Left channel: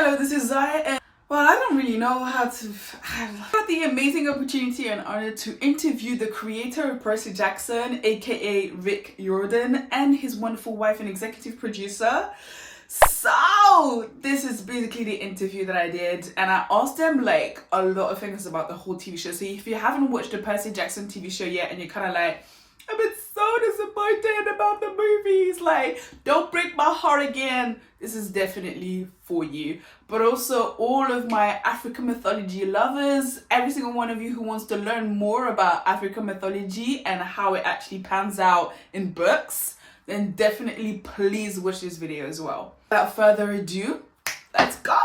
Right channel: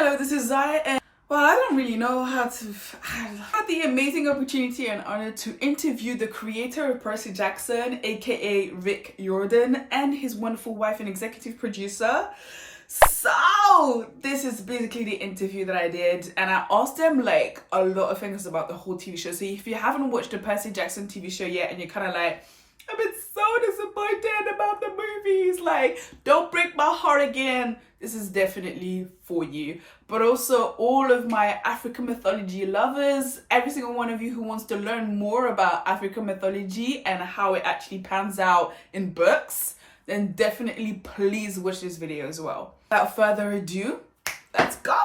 Hello, this is Zai, and well, I don't really know how to. I had the amazing opportunity and honor to interview the creator of Percy Jackson, aka Rick Riordan, and his wonderful wife and executive producer. So this is basically the interview that I did, and I asked them like a lot of things about the whole TV show. So if you haven't watched the Percy Jackson TV show yet and you're kind of like, I've been so disappointed about the movies, like, don't break my heart again, this is definitely for you. But also all of my African mythology lovers, every single one of you who wants to learn more about African mythology and how it actually pans out in books, then definitely please watch this video as well. Without further ado, let's go.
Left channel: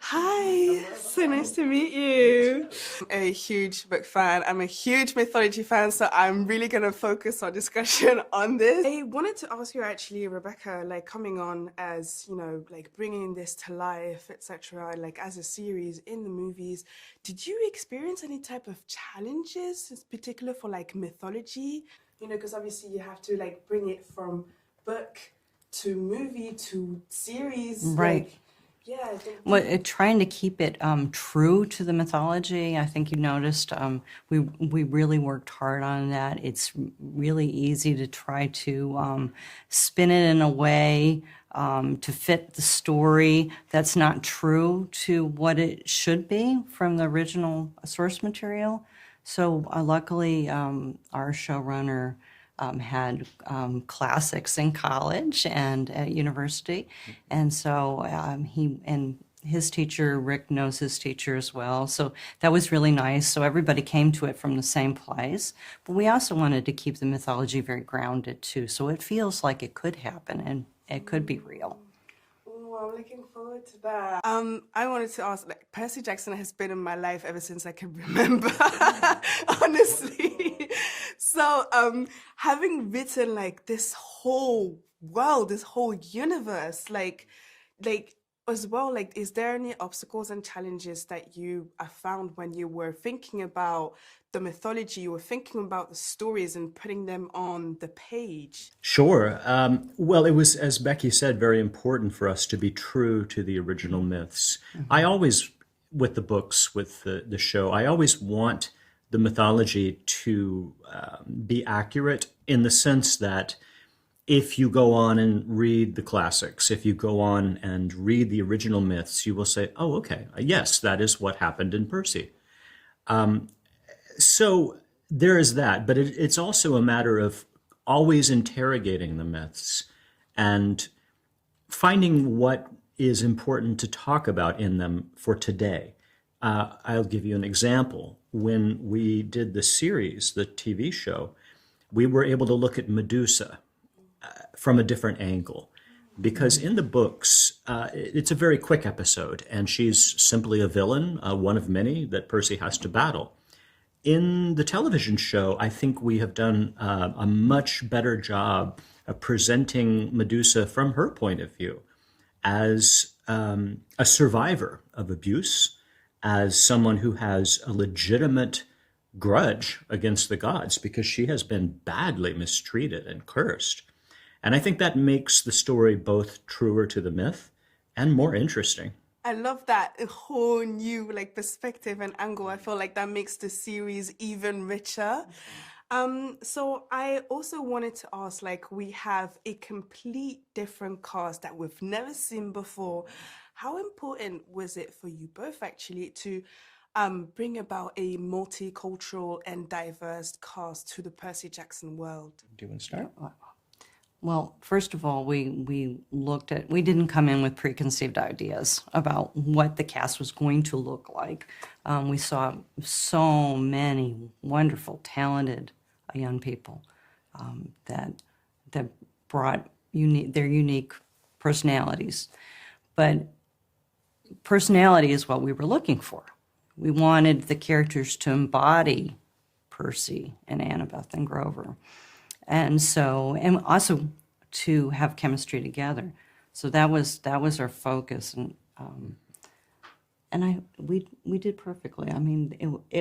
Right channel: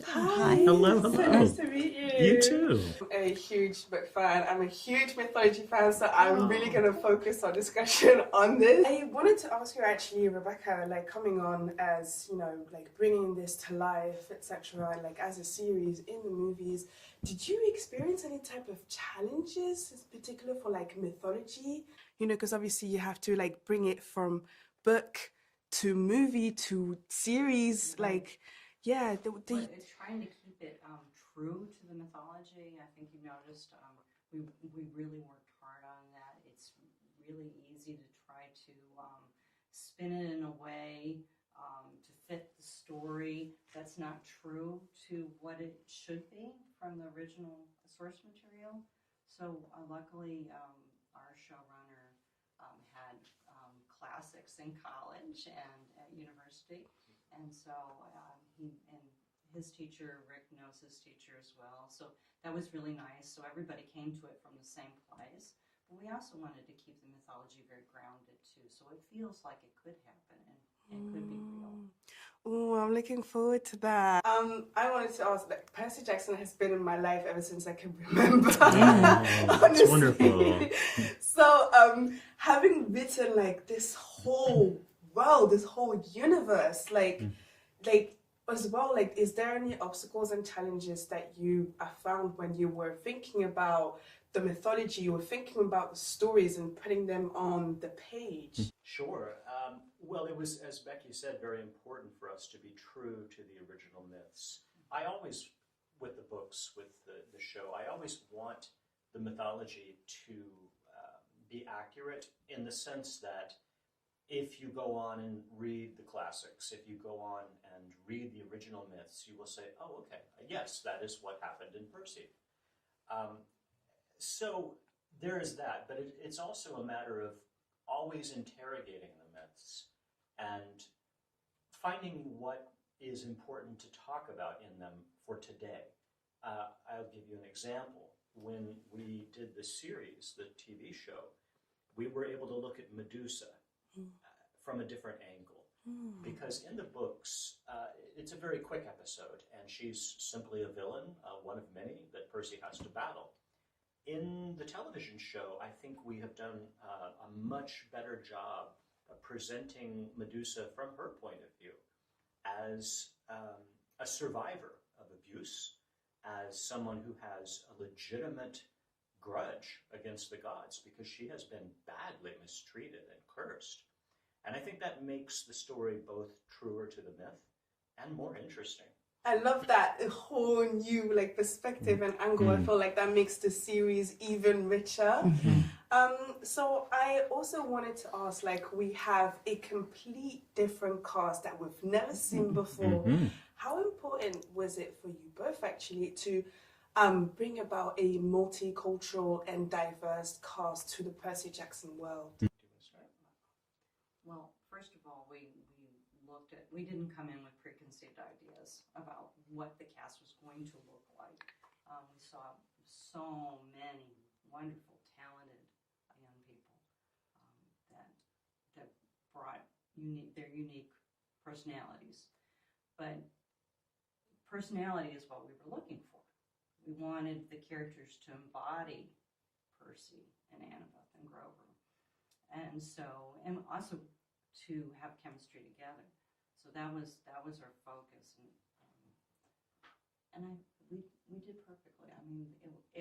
Hi. Hello. So nice to meet you. You too. I'm a huge book fan. I'm a huge mythology fan, so I'm really going to focus our discussion on this. I wanted to ask you actually, Rebecca, like coming on as, you know, like bringing this to life, etc., like as a series in the movies, did you experience any type of challenges, in particular for like mythology? You know, because obviously you have to like bring it from book to movie to series. Right. Like, yeah. Well, trying to keep it true to the mythology, I think you noticed we really worked hard on that. It's really easy to try to spin it in a way to fit the story that's not true to what it should be from the original source material. So luckily, our showrunner had classics in college and at university, and so his teacher, Rick, knows his teacher as well, so that was really nice. So everybody came to it from the same place, but we also wanted to keep the mythology very grounded too, so it feels like it could happen and it could be real. Oh, I'm looking forward to that. I wanted to ask, like, Percy Jackson has been in my life ever since I can remember. Honestly. Wonderful. So, having written like this whole world, this whole universe, like as well, like, is there any obstacles and challenges that you found when you were thinking about the mythology, you were thinking about the stories and putting them on the page? Sure. Well, it was, as Becky said, very important for us to be true to the original myths. I always, with the books, with the show, I always want the mythology to be accurate in the sense that if you go on and read the classics, if you go on and read the original myths, you will say, oh, okay, yes, that is what happened in Percy. So there is that, but it's also a matter of always interrogating the myths and finding what is important to talk about in them for today. I'll give you an example. When we did the series, the TV show, we were able to look at Medusa from a different angle. Because in the books, it's a very quick episode, and she's simply a villain, one of many that Percy has to battle. In the television show, I think we have done a much better job of presenting Medusa from her point of view as a survivor of abuse, as someone who has a legitimate grudge against the gods because she has been badly mistreated and cursed. And I think that makes the story both truer to the myth and more interesting. I love that, a whole new like perspective and angle. I feel like that makes the series even richer. So I also wanted to ask, like, we have a complete different cast that we've never seen before. How important was it for you both actually to bring about a multicultural and diverse cast to the Percy Jackson world? Do you want to start? Well, first of all, we didn't come in with preconceived ideas about what the cast was going to look like. We saw so many wonderful, talented young people that brought their unique personalities. But personality is what we were looking for. We wanted the characters to embody Percy and Annabeth and Grover. And so, and also to have chemistry together. So that was our focus, and we did perfectly. I mean,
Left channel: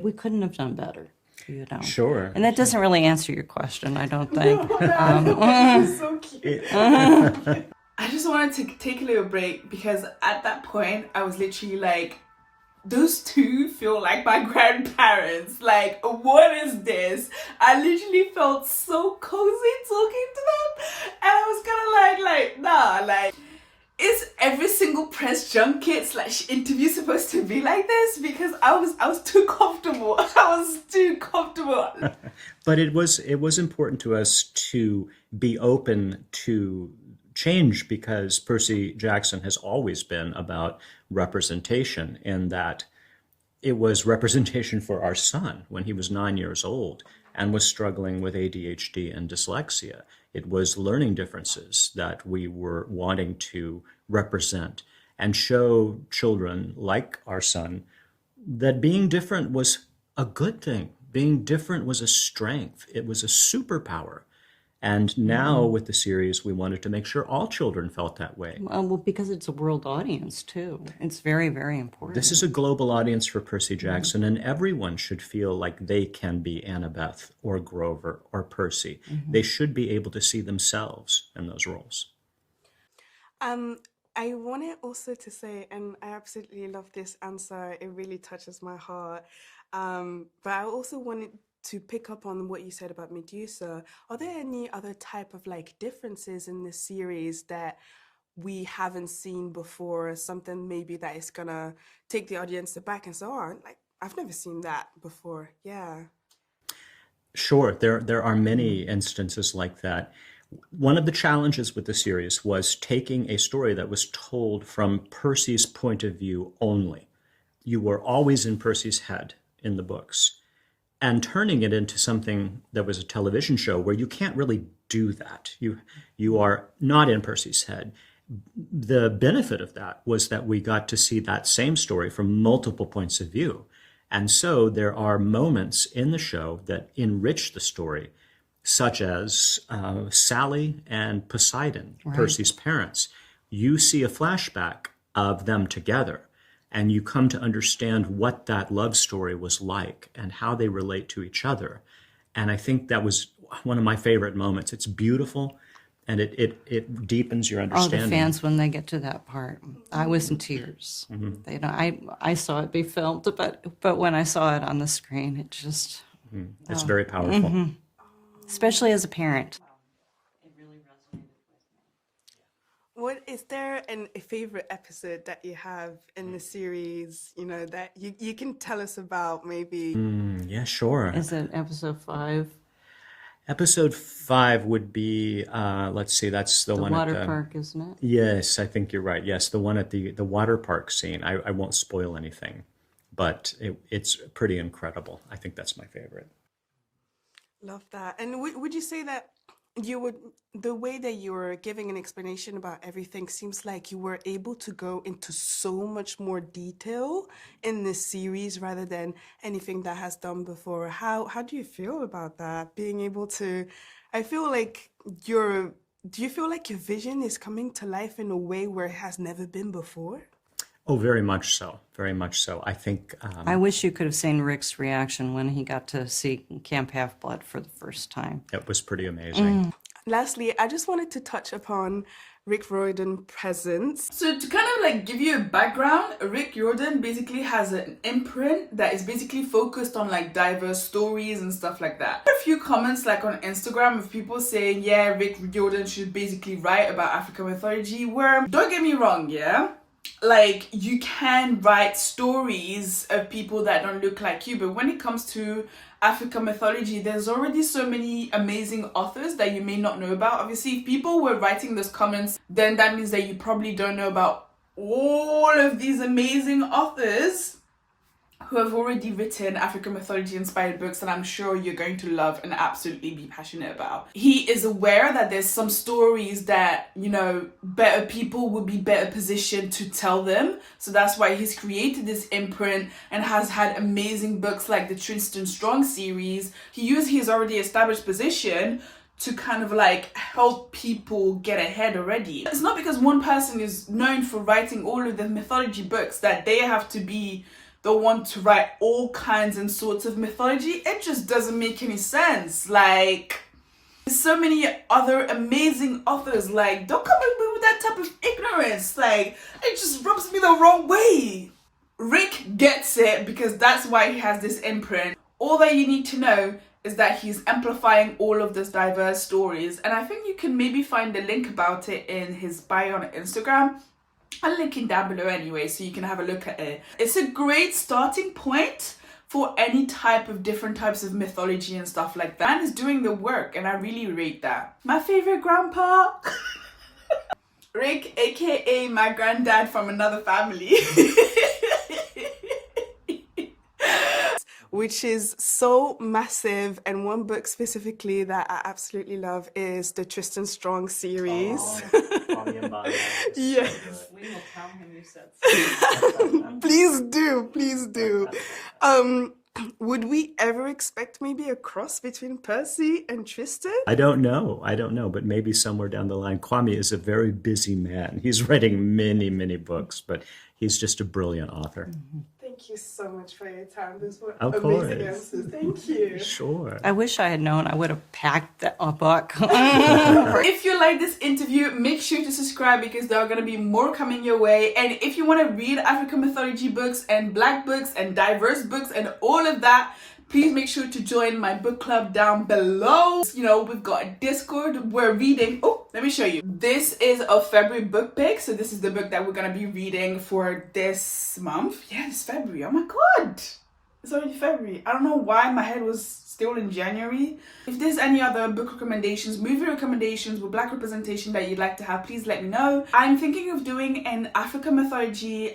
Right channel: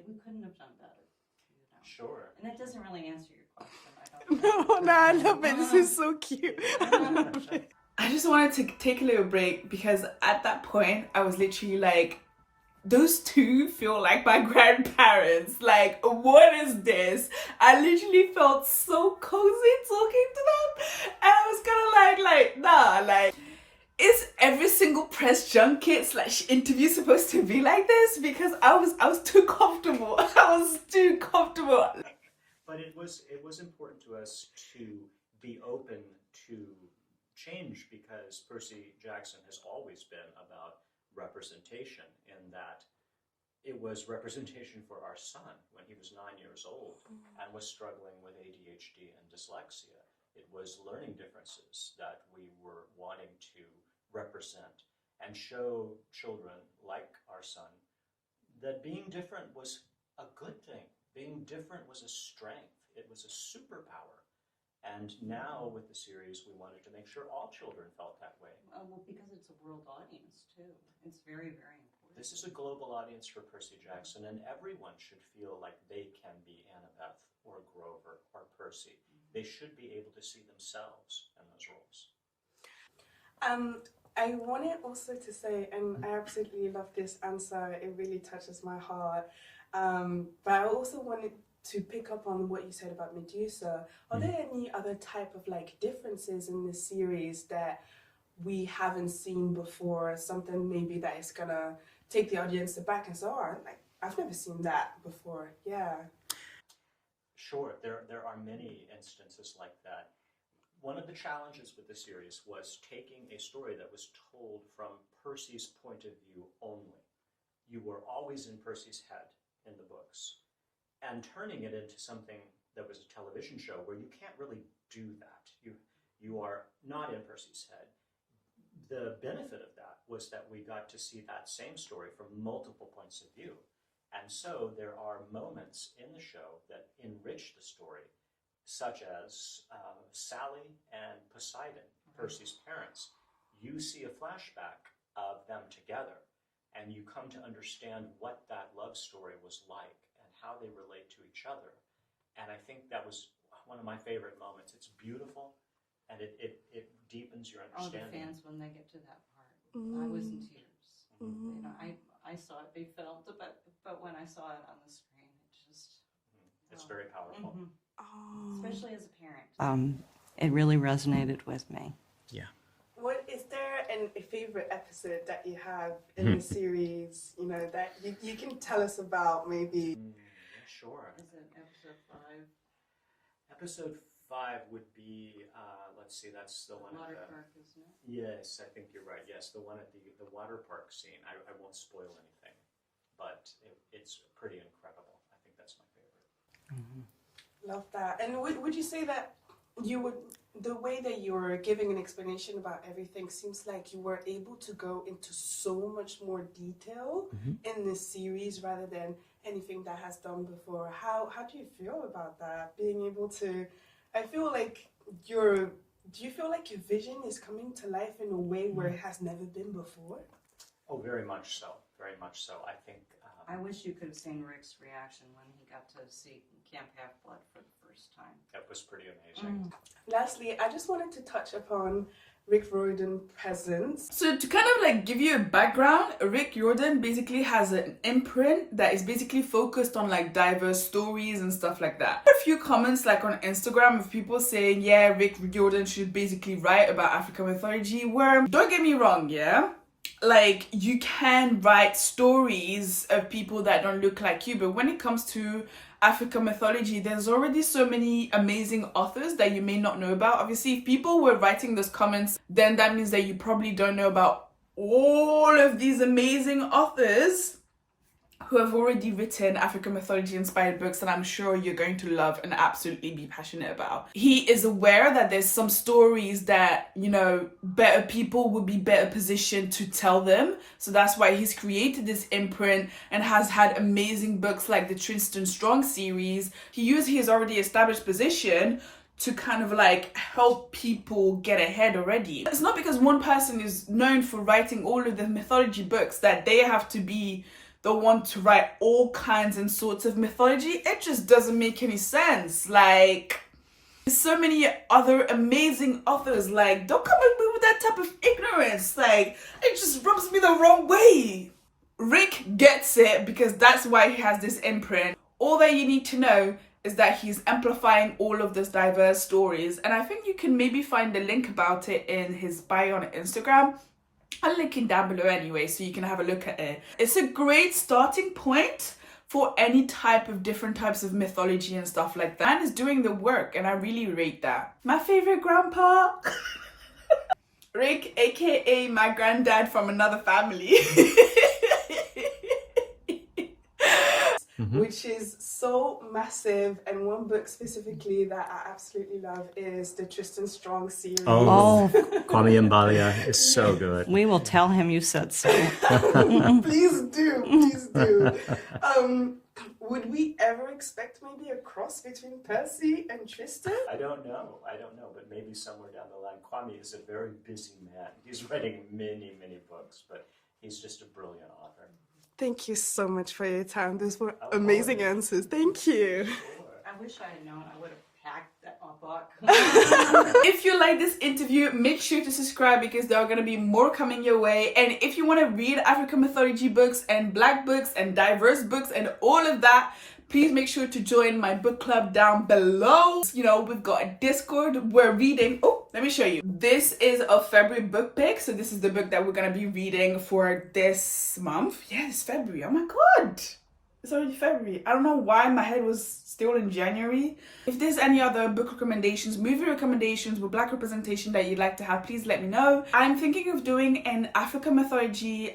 we couldn't have done better, you know. Sure. And that doesn't really answer your question, I don't think. No, that makes it so cute. I just wanted to take a little break because at that point I was literally like, those two feel like my grandparents. Like, what is this? I literally felt so cozy talking to them, and I was kind of like, nah, like, is every single press junket / interview supposed to be like this? Because I was too comfortable. I was too comfortable. But it was important to us to be open to change, because Percy Jackson has always been about representation, in that it was representation for our son when he was 9 years old and was struggling with ADHD and dyslexia. It was learning differences that we were wanting to represent and show children like our son that being different was a good thing. Being different was a strength. It was a superpower. And now with the series, we wanted to make sure all children felt that way. Well, because it's a world audience too. It's very, very important. This is a global audience for Percy Jackson, and everyone should feel like they can be Annabeth or Grover or Percy. They should be able to see themselves in those roles. I wanted also to say, and I absolutely love this answer, it really touches my heart, but I also wanted to pick up on what you said about Medusa. Are there any other type of like differences in this series that we haven't seen before? Something maybe that is gonna take the audience aback and say, oh, like, I've never seen that before. Yeah. Sure, there are many instances like that. One of the challenges with the series was taking a story that was told from Percy's point of view only. You were always in Percy's head in the books, and turning it into something that was a television show where you can't really do that. You are not in Percy's head. The benefit of that was that we got to see that same story from multiple points of view. And so there are moments in the show that enrich the story, such as Sally and Poseidon, right, Percy's parents. You see a flashback of them together, and you come to understand what that love story was like and how they relate to each other. And I think that was one of my favorite moments. It's beautiful, and it deepens your understanding. Oh, the fans, when they get to that part, I was in tears. You know, I saw it be filmed, but when I saw it on the screen, it just... It's very powerful. Especially as a parent, it really resonated with me. Yeah. What is there a favorite episode that you have in the series, you know, that you can tell us about maybe? Yeah, sure. Is it episode 5? Episode 5 would be, let's see, that's the one water at the park, isn't it? Yes, I think you're right. Yes, the one at the water park scene. I won't spoil anything, but it's pretty incredible. I think that's my favorite. Love that. And would you say that the way that you were giving an explanation about everything seems like you were able to go into so much more detail in this series rather than anything that has done before? How do you feel about that? Being able to, I feel like do you feel like your vision is coming to life in a way where it has never been before? Oh, very much so. Very much so. I think... I wish you could have seen Rick's reaction when he got to see Camp Half-Blood for the first time. It was pretty amazing. Lastly, I just wanted to touch upon Rick Riordan's presence. So to kind of like give you a background, Rick Riordan basically has an imprint that is basically focused on like diverse stories and stuff like that. A few comments like on Instagram of people saying, yeah, Rick Riordan should basically write about African mythology, where, don't get me wrong, yeah? Like, you can write stories of people that don't look like you, but when it comes to African mythology, there's already so many amazing authors that you may not know about. Obviously, if people were writing those comments, then that means that you probably don't know about all of these amazing authors who have already written African mythology inspired books that I'm sure you're going to love and absolutely be passionate about. He is aware that there's some stories that, you know, better people would be better positioned to tell them. So that's why he's created this imprint and has had amazing books like the Tristan Strong series. He used his already established position to kind of like help people get ahead already. It's not because one person is known for writing all of the mythology books that they have to be the one to write all kinds and sorts of mythology. It just doesn't make any sense. Like, there's so many other amazing authors. Like, don't come at me with that type of ignorance. Like, it just rubs me the wrong way. Rick gets it because that's why he has this imprint. All that you need to know is that he's amplifying all of those diverse stories. And I think you can maybe find a link about it in his bio on Instagram. I'll link it down below anyway, so you can have a look at it. It's a great starting point for any type of different types of mythology and stuff like that. Man is doing the work, and I really rate that. My favorite grandpa, Rick, aka my granddad from another family. Which is so massive, and one book specifically that I absolutely love is the Tristan Strong series. Oh, Kwame Mbalia is so good. we will tell him you said so. Please do, please do. Would we ever expect maybe a cross between Percy and Tristan? I don't know, but maybe somewhere down the line. Kwame is a very busy man. He's writing many, many books, but he's just a brilliant author. Thank you so much for your time. Those were Of amazing course. answers. Thank you. Sure. I wish I had known. I would have packed a book. If you like this interview, make sure to subscribe because there are going to be more coming your way. And if you want to read African mythology books and Black books and diverse books and all of that, please make sure to join my book club down below. You know, we've got a Discord. We're reading. Oh, let me show you. This is a February book pick. So this is the book that we're going to be reading for this month. Yeah, it's February. Oh my God. It's already February. I don't know why my head was still in January. If there's any other book recommendations, movie recommendations with Black representation that you'd like to have, please let me know. I'm thinking of doing an African mythology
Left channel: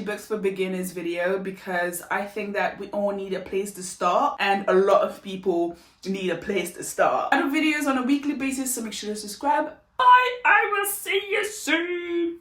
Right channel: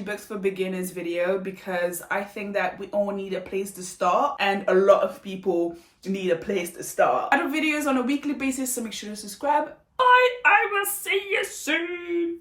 books for beginners video because I think that we all need a place to start and a lot of people need a place to start. I do videos on a weekly basis, so make sure to subscribe. Bye. I will see you soon.